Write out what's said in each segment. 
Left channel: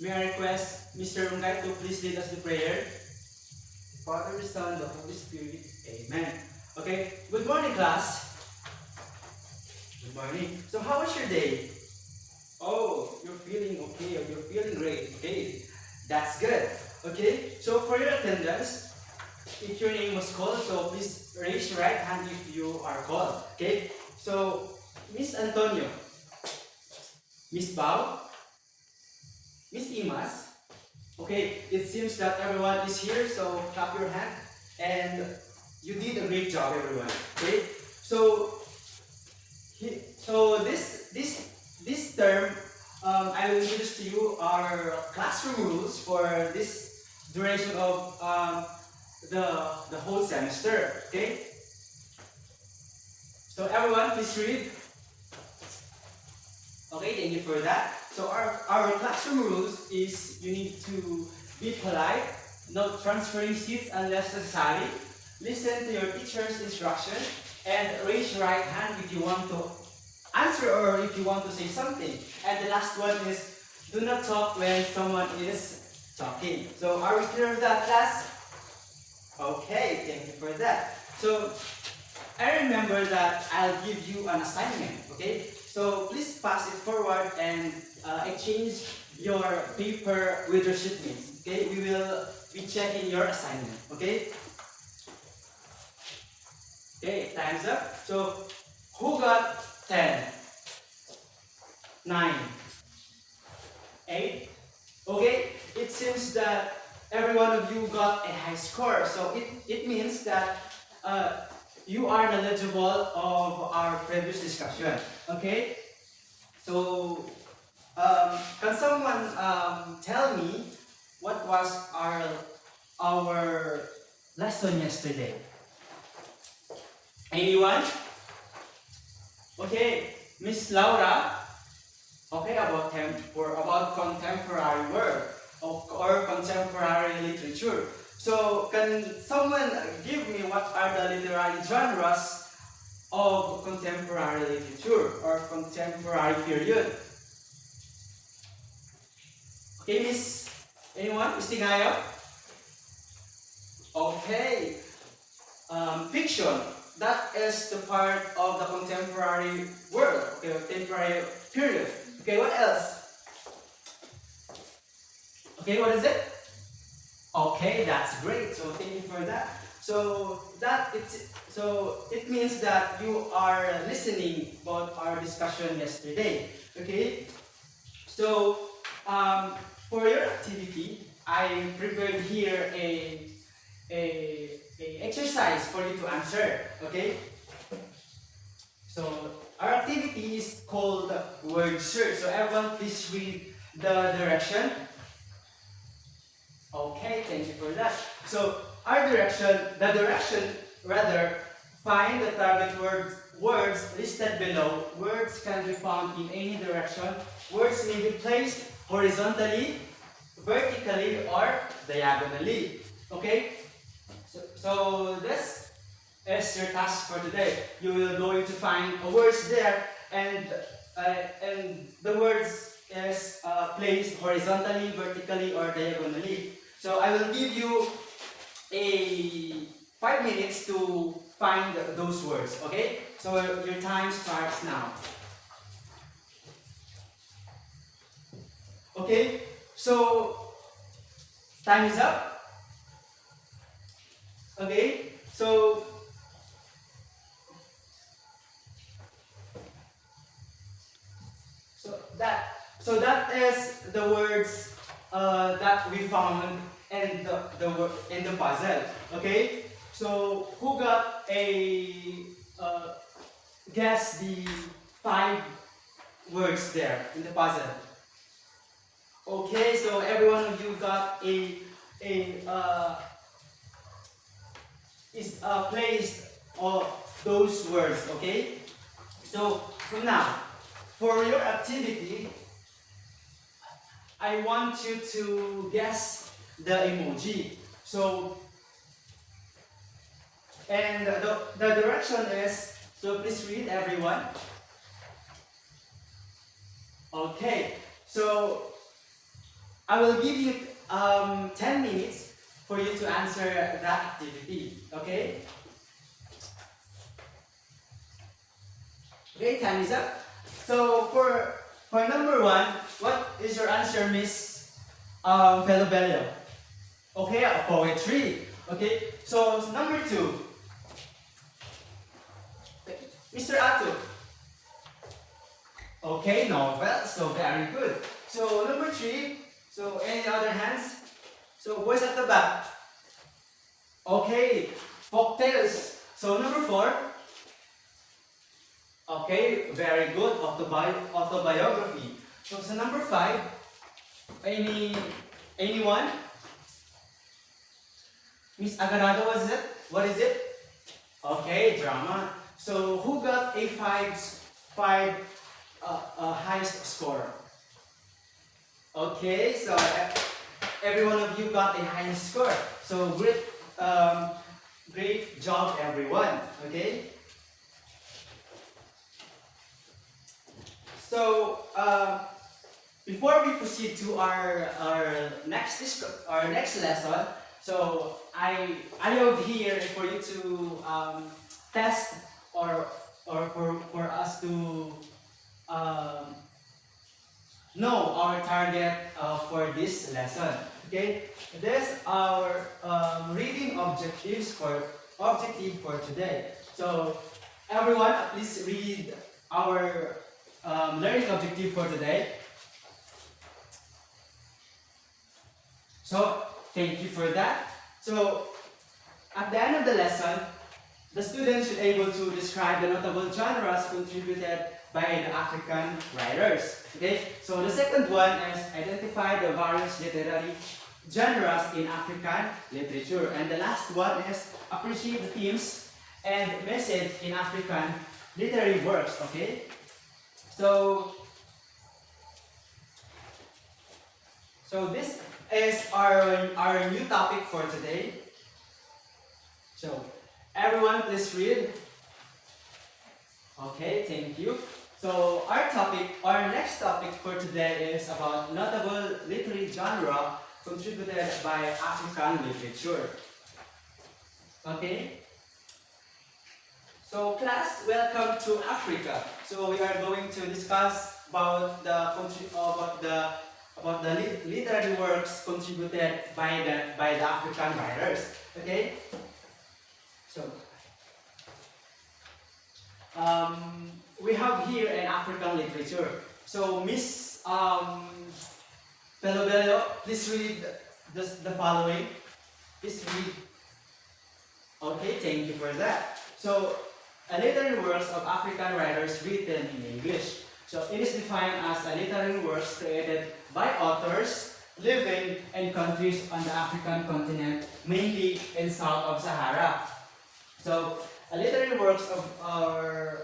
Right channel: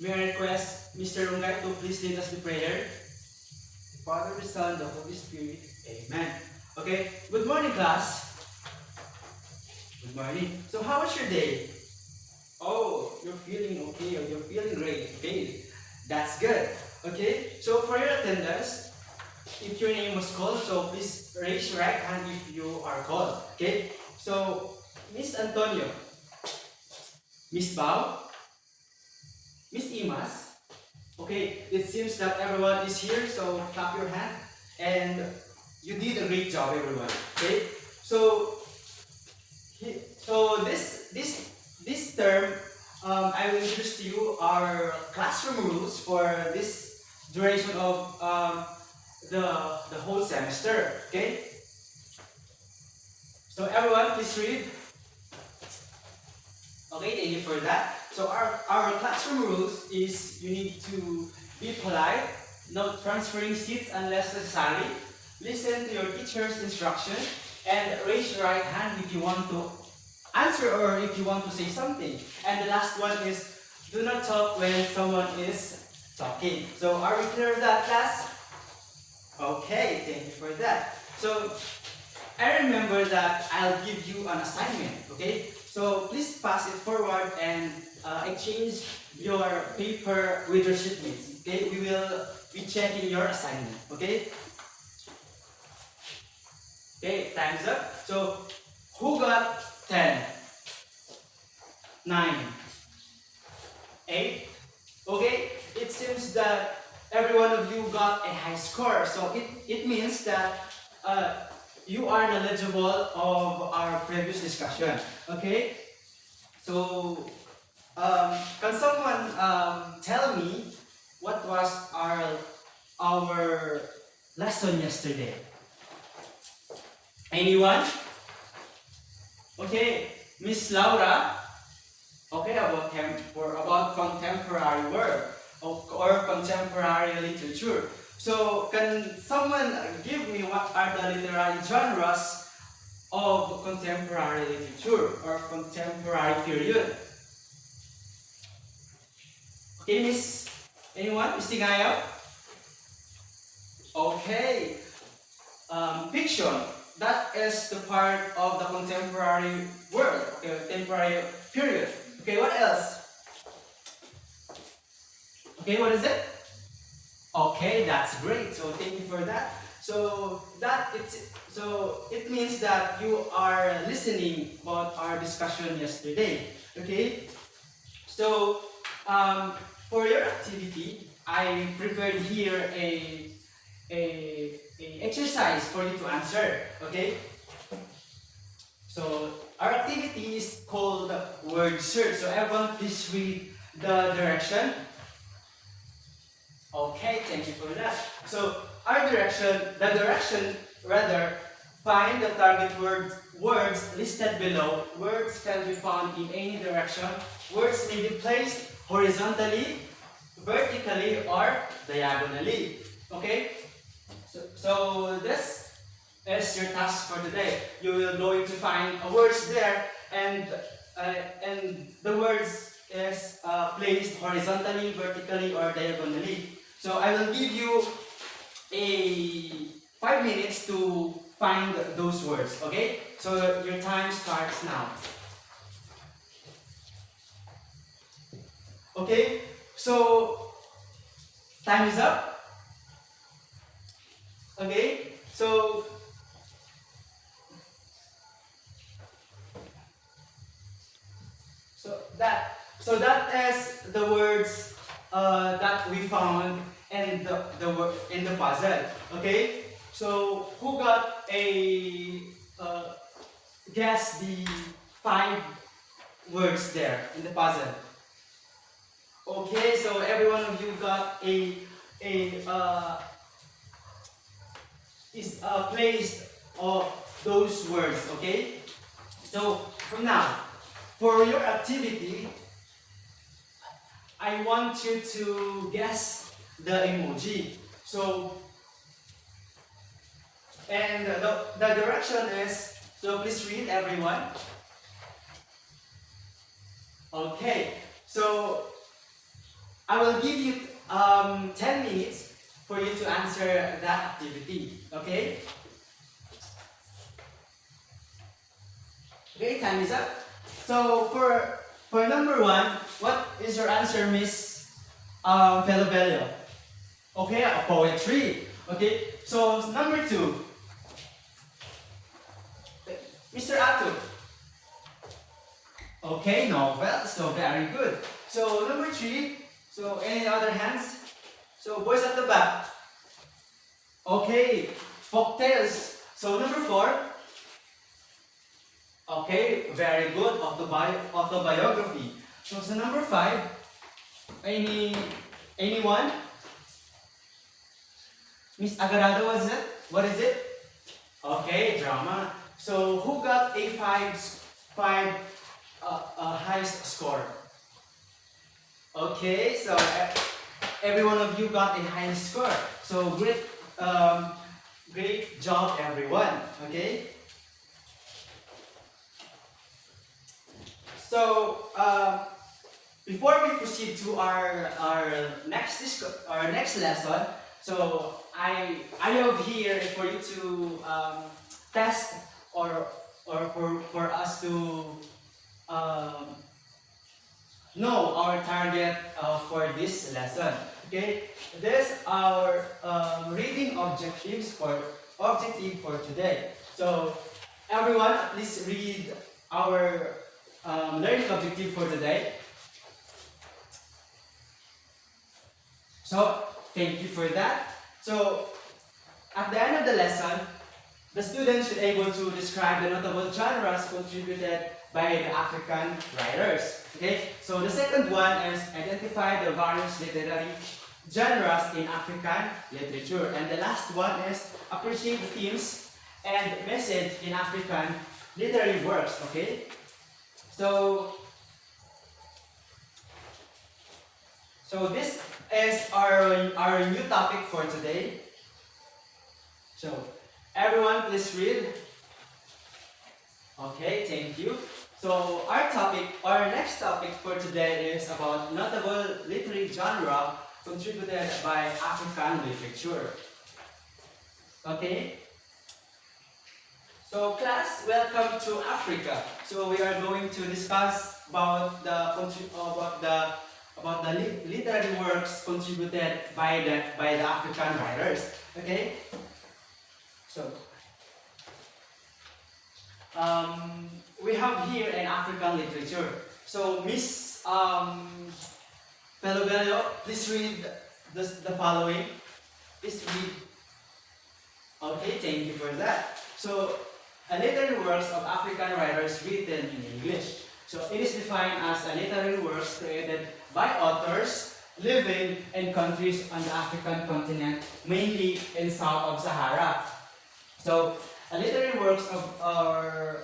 May I request Mr. Rungay to please lead us the prayer? The Father, the Son, the Holy Spirit. Amen. Okay, good morning, class. Good morning. So, how was your day? Oh, you're feeling okay, or you're feeling great. Okay, that's good. Okay, so for your attendance, if your name was called, so please raise your right hand if you are called. Okay, so Miss Antonio, Miss Bao, Miss Imas. Okay, it seems that everyone is here, so clap your hand. And you did a great job, everyone. Okay, so this term, I will introduce to you our classroom rules for this duration of the whole semester. Okay, so everyone, please read. Okay, thank you for that. So our classroom rules is you need to be polite, not transferring seats unless necessary, listen to your teacher's instruction, and raise your right hand if you want to answer or if you want to say something. And the last one is do not talk when someone is talking. So are we clear with that, class? Okay, thank you for that. So I remember that I'll give you an assignment, okay? So please pass it forward and exchange your paper with your shipmates, okay? We will be checking your assignment, okay? Okay, time's up. So who got 10, 9, 8? Okay, it seems that every one of you got a high score. So it means that you are knowledgeable of our previous discussion. Okay, so can someone tell me what was our lesson yesterday? Anyone? Okay, Miss Laura. Okay, about contemporary work or contemporary literature. So can someone give me what are the literary genres of contemporary literature or contemporary period? Okay, Miss, anyone? Miss Tingayo? Okay, fiction. That is the part of the contemporary world, okay, contemporary period. Okay, what else? Okay, what is it? Okay, that's great. So thank you for that. So it means that you are listening about our discussion yesterday. Okay. So for your activity, I prepared here a exercise for you to answer. Okay. So our activity is called word search. So everyone, please read the direction. Okay, thank you for that. So the direction rather, find the target words listed below. Words can be found in any direction. Words may be placed horizontally, vertically, or diagonally. Okay? So this is your task for today. You will going to find words there, and the words is placed horizontally, vertically, or diagonally. So I will give you a 5 minutes to find those words. Okay? So your time starts now. Okay? So time is up. Okay? So that is the words that we found in the puzzle. Okay. So who got a guess the 5 words there in the puzzle? Okay. So every one of you got a is placed of those words. Okay. So from now, for your activity, I want you to guess the emoji. So, and the direction is, so please read everyone. Okay, so I will give you 10 minutes for you to answer that activity. Okay? Okay, time is up. So for number one, what is your answer, Miss Felobello? Okay, a poetry. Okay, so number two, Mr. Ato. Okay, novel. So very good. So number three. So any other hands? So boys at the back. Okay, folktales. So number four. Okay, very good. Autobiography. So number five. Anyone? Miss Agarado, was it? What is it? Okay, drama. So who got a five highest score? Okay, so every one of you got a highest score. So great job, everyone. Okay. So before we proceed to our next lesson, so I have here for you to test or for us to um, know our target for this lesson. Okay, this our reading objective for today. So everyone, please read our learning objective for today. So thank you for that. So at the end of the lesson, the students should be able to describe the notable genres contributed by the African writers. Okay, so the second one is identify the various literary genres in African literature, and the last one is appreciate the themes and message in African literary works. Okay, so this is our new topic for today. So everyone, please read. Okay, thank you. So our next topic for today is about notable literary genre contributed by African literature. Okay? So class, welcome to Africa. So we are going to discuss about the literary works contributed by the African writers. Okay? So we have here an African literature. So Miss Pelobello, please read the following. Please read. Okay, thank you for that. So literary works of African writers written in English. So it is defined as a literary works created by authors living in countries on the African continent, mainly in south of Sahara. So literary works of our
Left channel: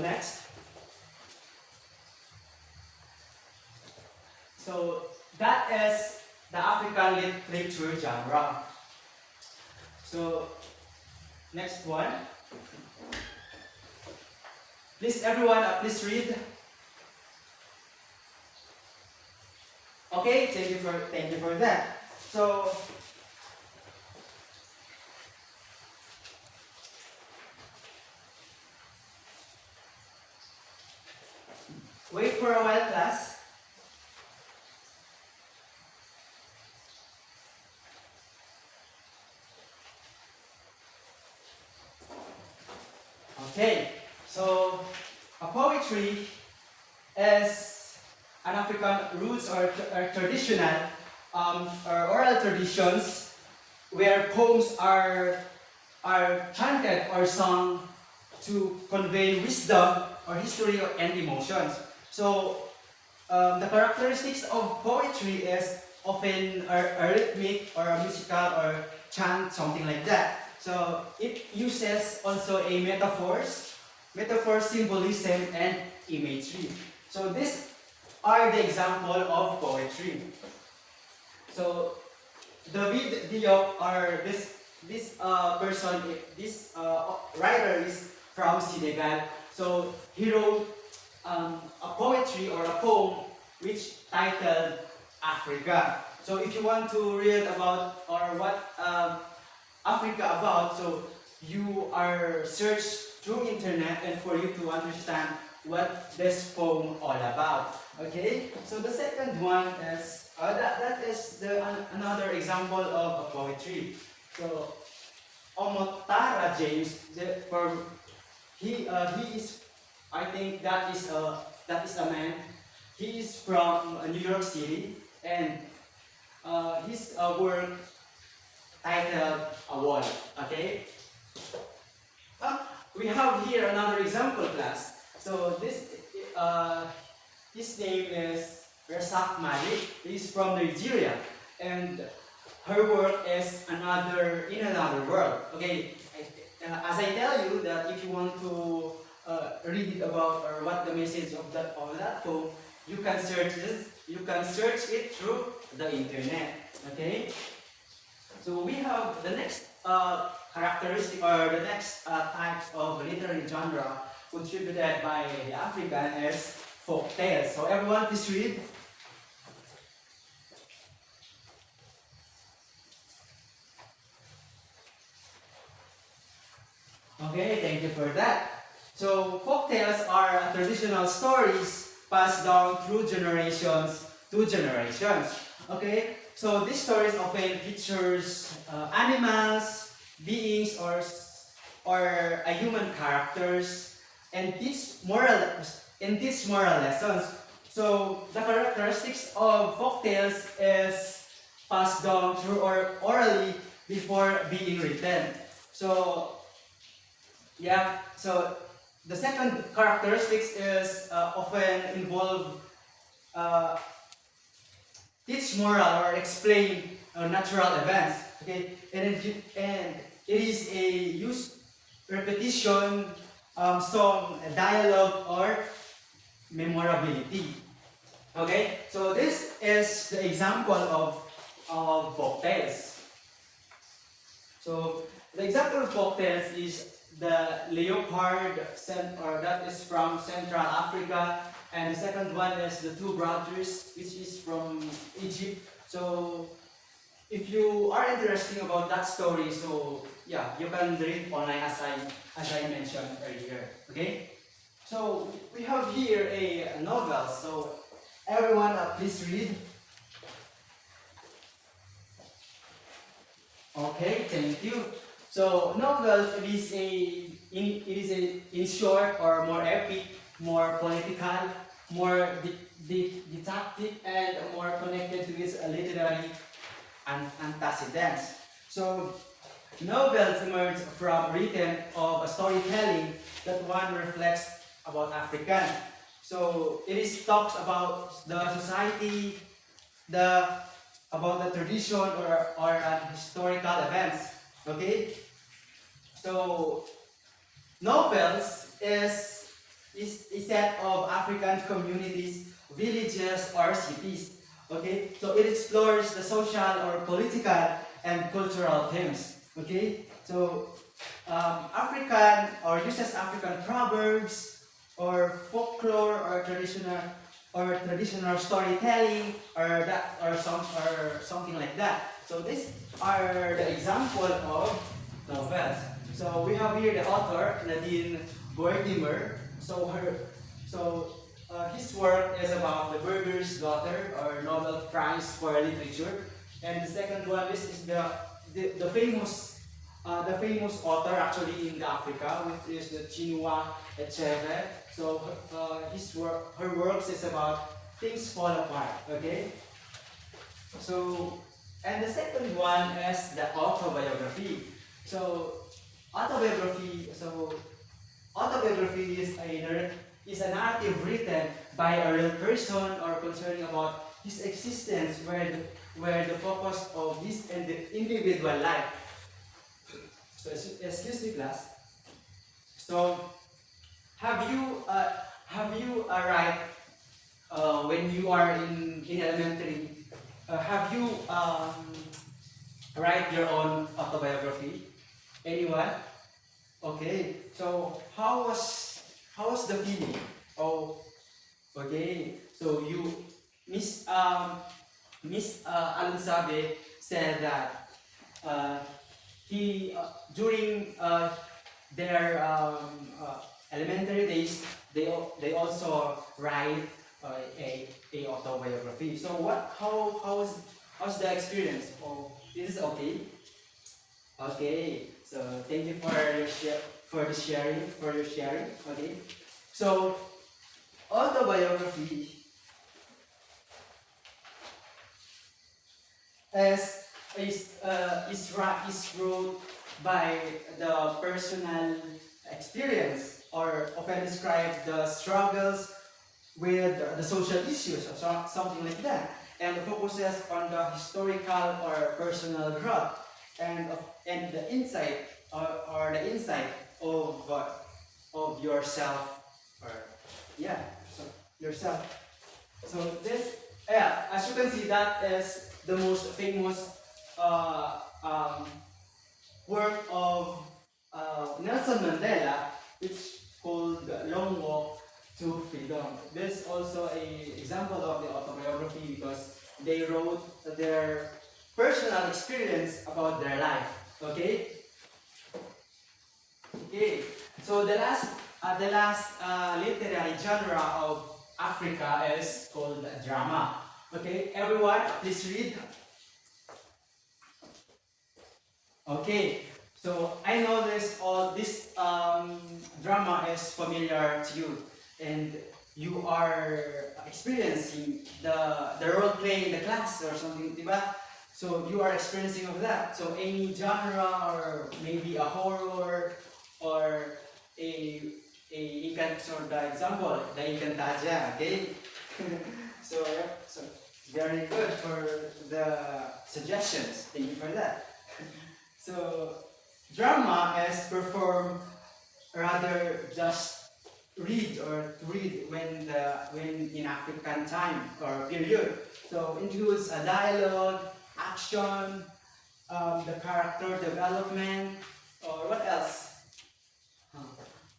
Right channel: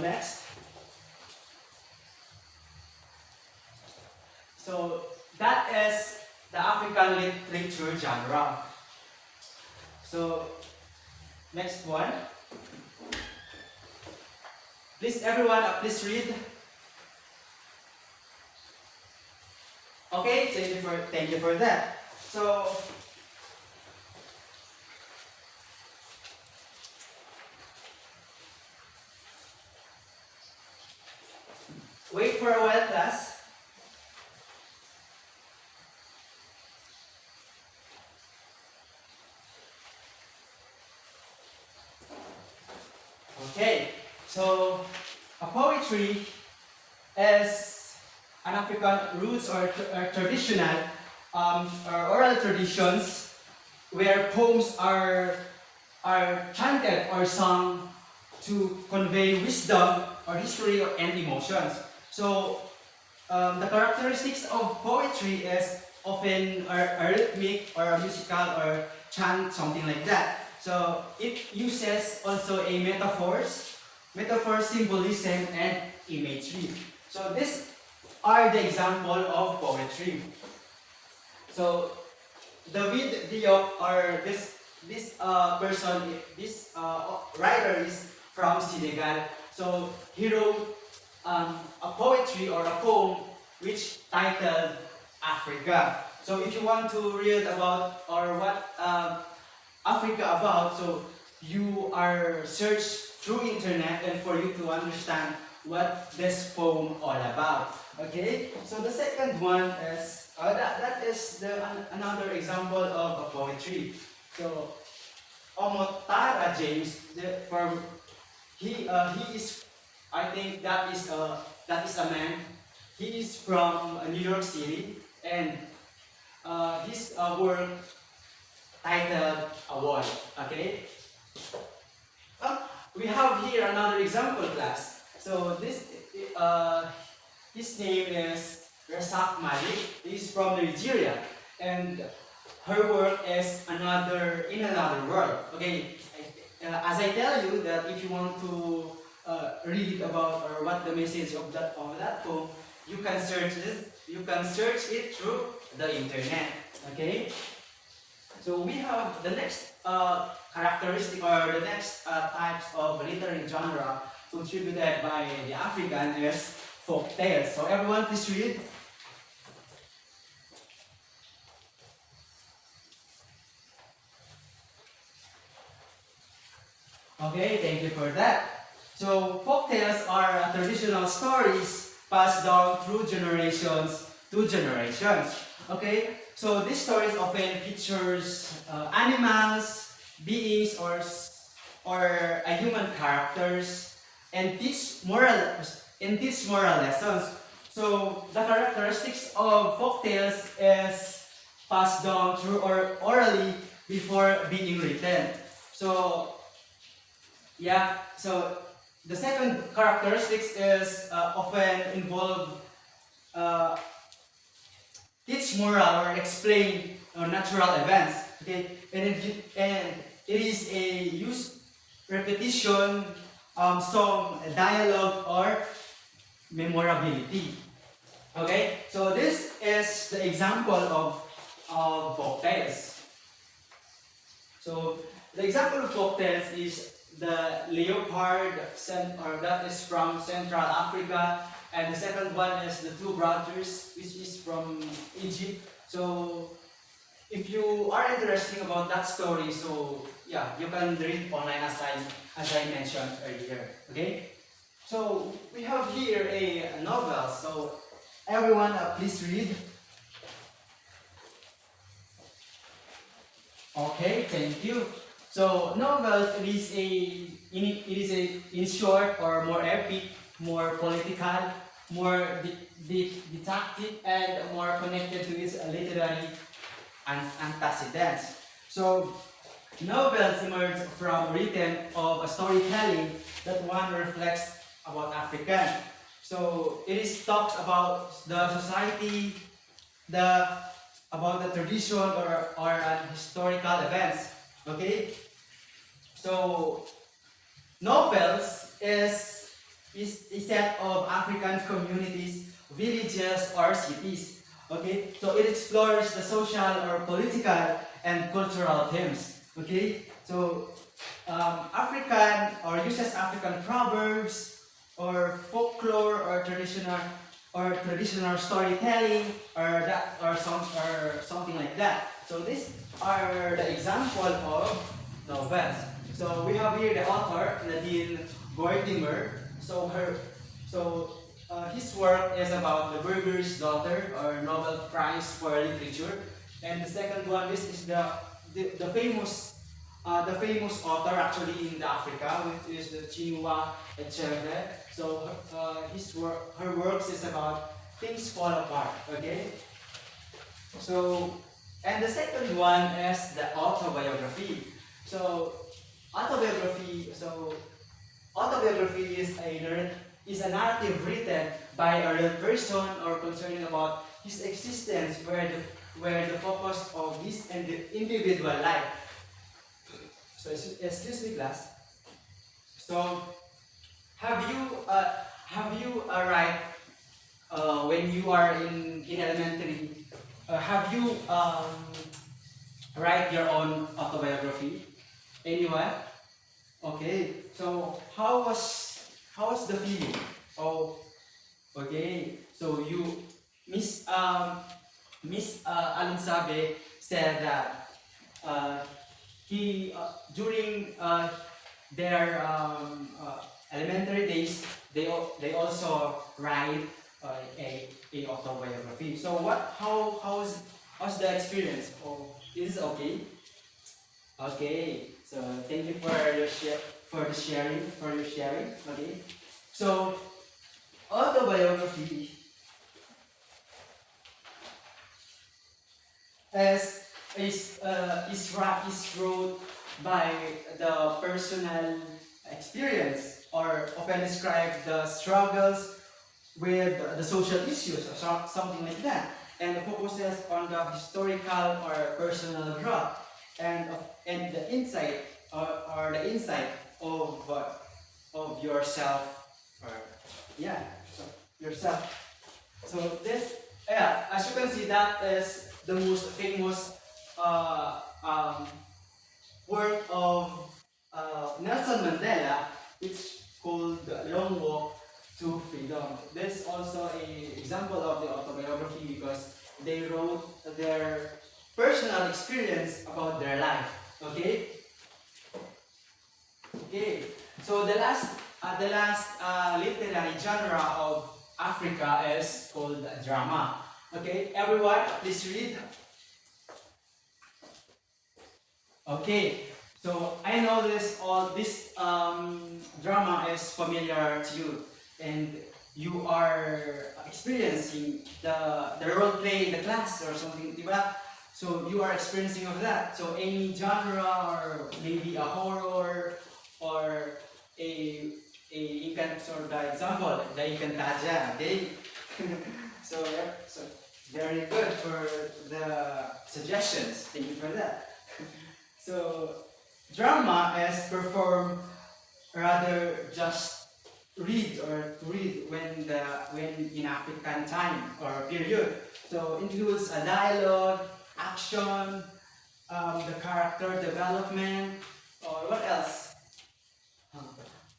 next. So that is the African literature genre. So next one. Please everyone, please read. Okay, thank you for that. So wait for a while, class. Okay, so a poetry is an African roots or traditional or oral traditions where poems are chanted or sung to convey wisdom or history and emotions. So the characteristics of poetry is often a rhythmic or a musical or chant, something like that. So it uses also a metaphor, symbolism, and imagery. So these are the example of poetry. So David Diop, or this writer is from Senegal. So he wrote a poetry or a poem which titled Africa. So if you want to read about or what Africa about, so you are search through internet and for you to understand what this poem all about. Okay, so the second one is that is another example of a poetry. So Omotara James, from he is, I think that is a man. He is from New York City, and his work titled A Wall. Okay. We have here another example class. So this his name is Rasak Malik. He's from Nigeria, and her work is another in another world. Okay, as I tell you that if you want to read it about or what the message of that poem, you can search this. You can search it through the internet. Okay. So we have the next characteristic or the next types of literary genre contributed by the African is folk tales. So everyone please read. Okay, thank you for that. So folk tales are traditional stories passed down through generations to generations. Okay, so these stories often features animals, beings, or a human characters, and teach moral lessons. So the characteristics of folk tales is passed down through or orally before being written. So yeah, so the second characteristics is often involve uh, teach moral or explain natural events. Okay, and it is a use repetition, song, dialogue, or memorability. Okay, so this is the example of folk tales. So the example of folk tales is the leopard, or that is from Central Africa, and the second one is the two brothers, which is from Egypt. So if you are interested about that story, so yeah, you can read online as I mentioned earlier. Okay. So we have here a novel. So everyone, please read. Okay, thank you. So novels it is a in short or more epic, more political, more detective, and more connected to its literary antecedents. So novels emerge from written of a storytelling that one reflects about African. So it is talks about the society, the about the tradition or historical events. Okay? So novels is a set of African communities, villages or cities. Okay? So it explores the social or political and cultural themes. Okay? So African or uses African proverbs or folklore or traditional storytelling or something like that. So these are the example of novels. So we have here the author Nadine Gordimer. His work is about the Burger's Daughter or Nobel Prize for Literature, and the second one is the famous author actually in Africa, which is the Chinua Achebe. So her works is about things fall apart. Okay. So and the second one is the autobiography. So autobiography. So autobiography is a narrative written by a real person or concerning about his existence, where the focus of his individual life. So excuse me, class. So have you write when you are in elementary? Have you write your own autobiography? Anyone? Okay. So How was the feeling? Oh, okay. So you, Miss Alunsabe said that uh, he during their elementary days, they also write a autobiography. So what? How's the experience? Oh, is it okay? Okay. So thank you for your sharing. Okay. So autobiography as is wrote by the personal experience or often describe the struggles with the social issues or something like that, and focuses on the historical or personal growth and the insight or the insight of yourself or yeah so yourself. So this, yeah, as you can see, that is the most famous uh, um, work of Nelson Mandela, which called Long Walk to Freedom. This is also a example of the autobiography because they wrote their personal experience about their life. Okay. Okay. So the last literary genre of Africa is called drama. Okay, everyone, please read. Okay, so I know this drama is familiar to you, and you are experiencing the role play in the class or something, diba? So you are experiencing of that. So any genre or maybe a horror or a so the example, the Encantadia, okay? So yeah, so very good for the suggestions. Thank you for that. So drama is performed rather just read when in African time or period. So includes a dialogue, action, the character development, or what else?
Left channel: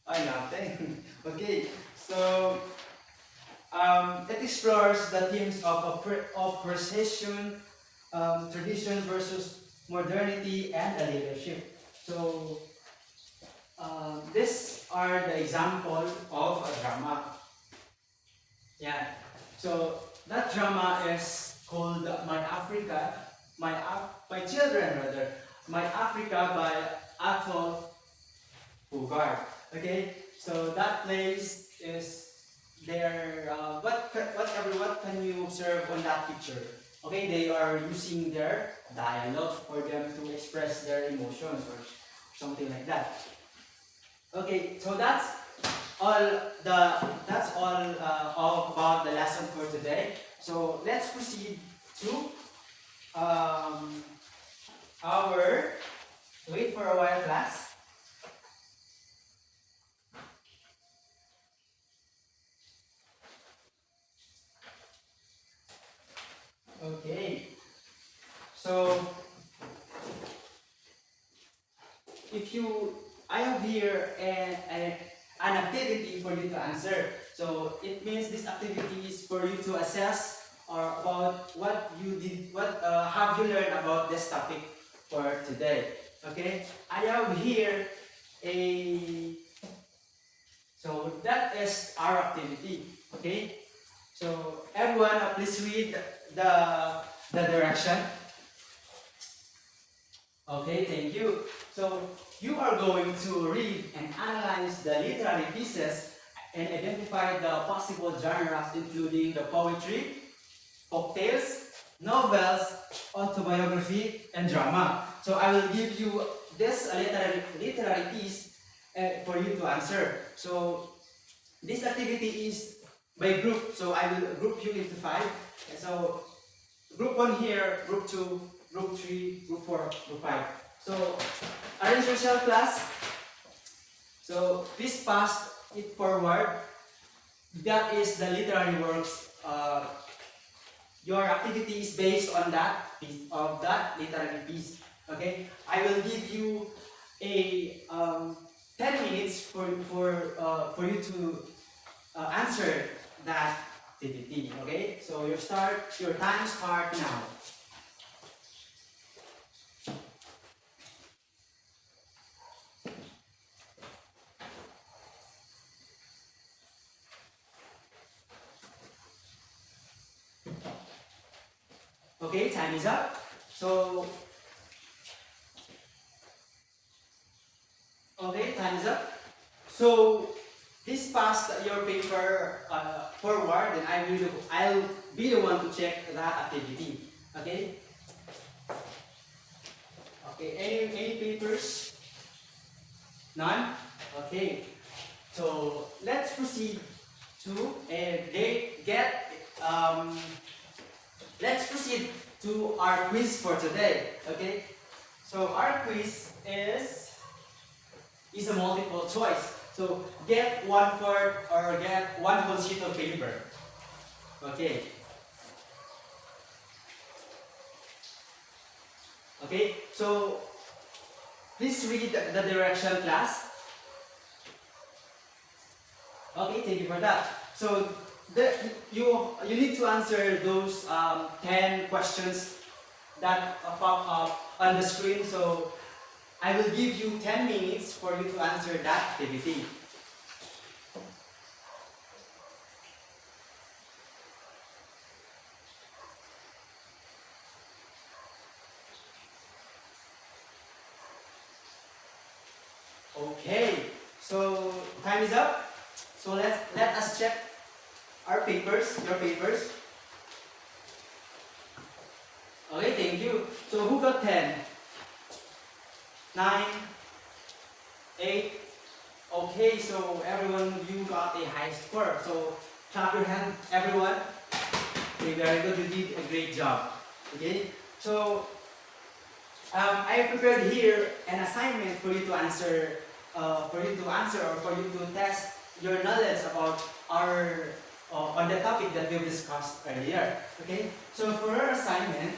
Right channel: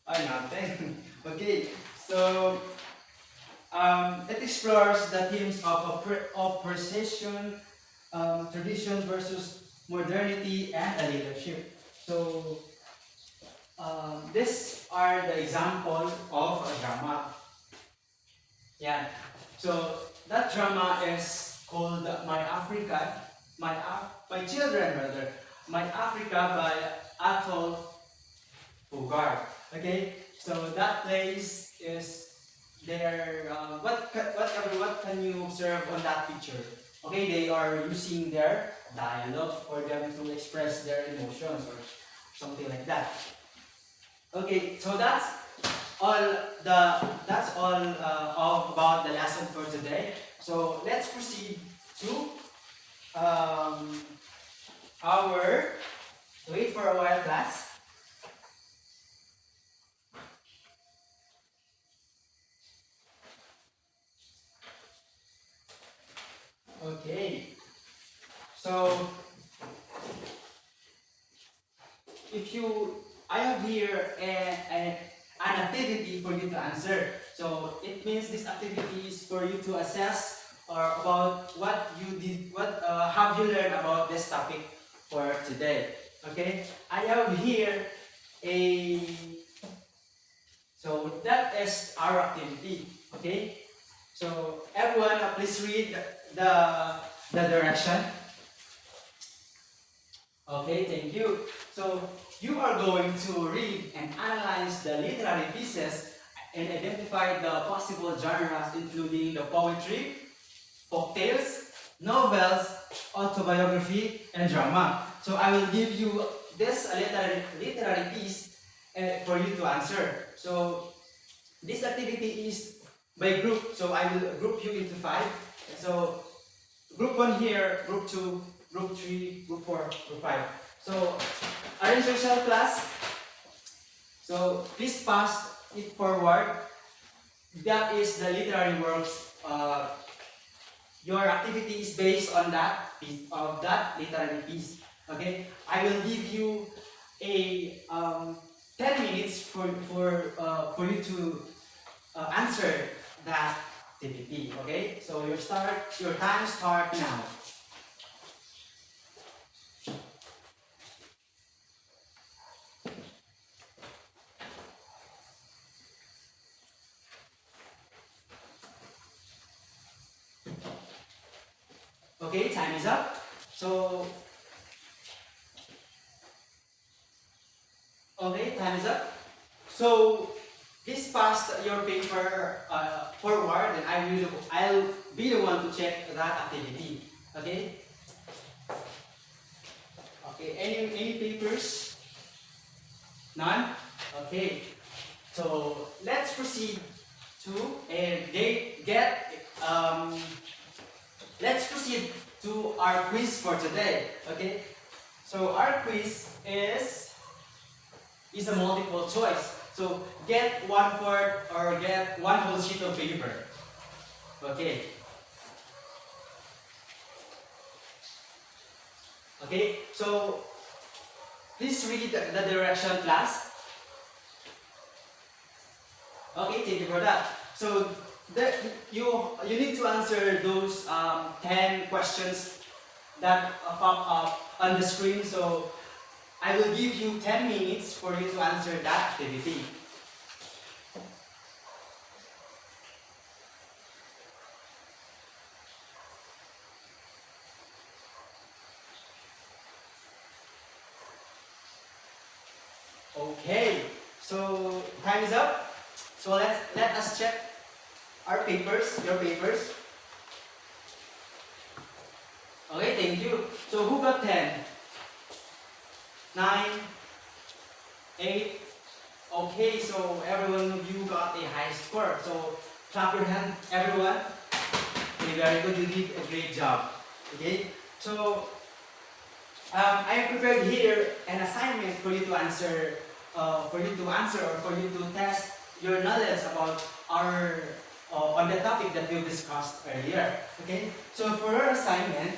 I nothing. Okay, so it explores the themes of precision, tradition versus modernity, and a leadership. So these are the example of a drama. Yeah. So that drama is called My Children rather, My Africa by Athol Fugard. Okay. So that place is there. What can you observe on that picture? Okay, they are using their dialogue for them to express their emotions or something like that. Okay, so all all about the lesson for today. So let's proceed to um, our wait for a while class. Okay, so if you, I have here an activity for you to answer. So it means this activity is for you to assess or about what you did, what have you learned about this topic for today. Okay, I have here a, so that is our activity. Okay, so everyone, please read the direction. Okay, thank you. So you are going to read and analyze the literary pieces and identify the possible genres including the poetry, folktales, novels, autobiography, and drama. So I will give you this literary piece for you to answer. So this activity is by group. So I will group you into 5. So group 1 here, group 2, group 3, group 4, group 5. So arrange yourself, class. So please pass it forward. That is the literary works. Your activity is based on that piece, of that literary piece. Okay, I will give you a 10 minutes for you to answer that activity. Okay, so your time start now. Okay, time is up. So okay, time is up. So please pass your paper forward, and I'll be the one to check that activity. Okay. Okay. Any papers? None. Okay. So let's proceed to and get let's proceed to our quiz for today. Okay. So our quiz is a multiple choice. So get 1/4 or get one whole sheet of paper. Okay. Okay. So please read the direction, class. Okay, thank you for that. So you need to answer those 10 questions that pop up on the screen. So I will give you 10 minutes for you to answer that activity. Okay, so time is up. So let us check our papers, your papers. Okay, thank you. So who got 10? 9, 8. Okay, so everyone of you got a high score. So clap your hand, everyone. Okay, very good. You did a great job. Okay, so I have prepared here an assignment for you to answer, or for you to test your knowledge about our on the topic that we discussed earlier. Okay, so for our assignment,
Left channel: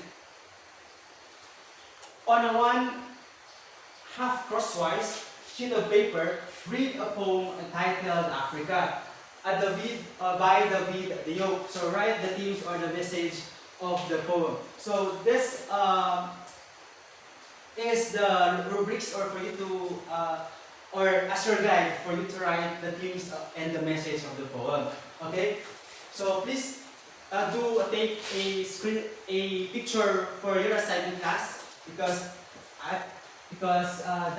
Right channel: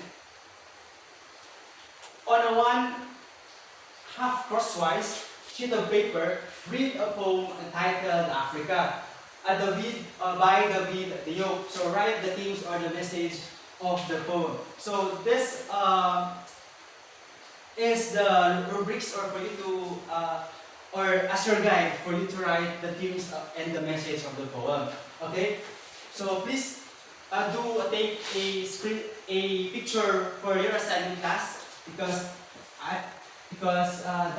on a 1/2 crosswise sheet of paper, read a poem entitled Africa. By David Diop. So write the themes or the message of the poem. So this is the rubrics or for you to or as your guide for you to write the themes and the message of the poem. Okay, so please take a picture for your assignment, class, because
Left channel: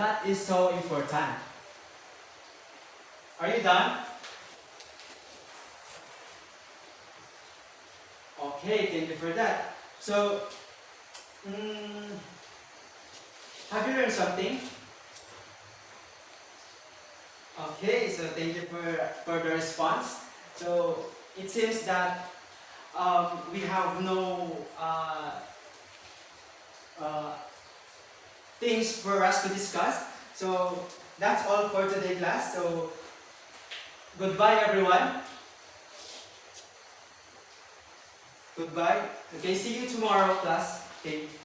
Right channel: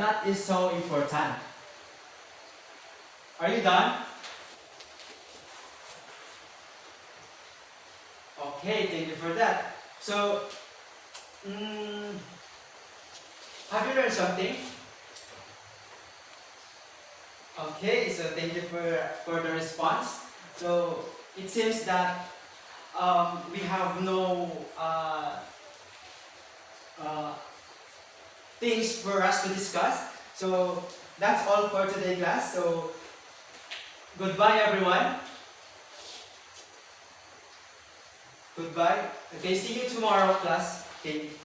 that is so important. Are you done? Okay, thank you for that. So have you learned something? Okay, so thank you for the response. So it seems that we have no things for us to discuss. So that's all for today, class. So goodbye, everyone. Goodbye. Okay, see you tomorrow, class. Okay.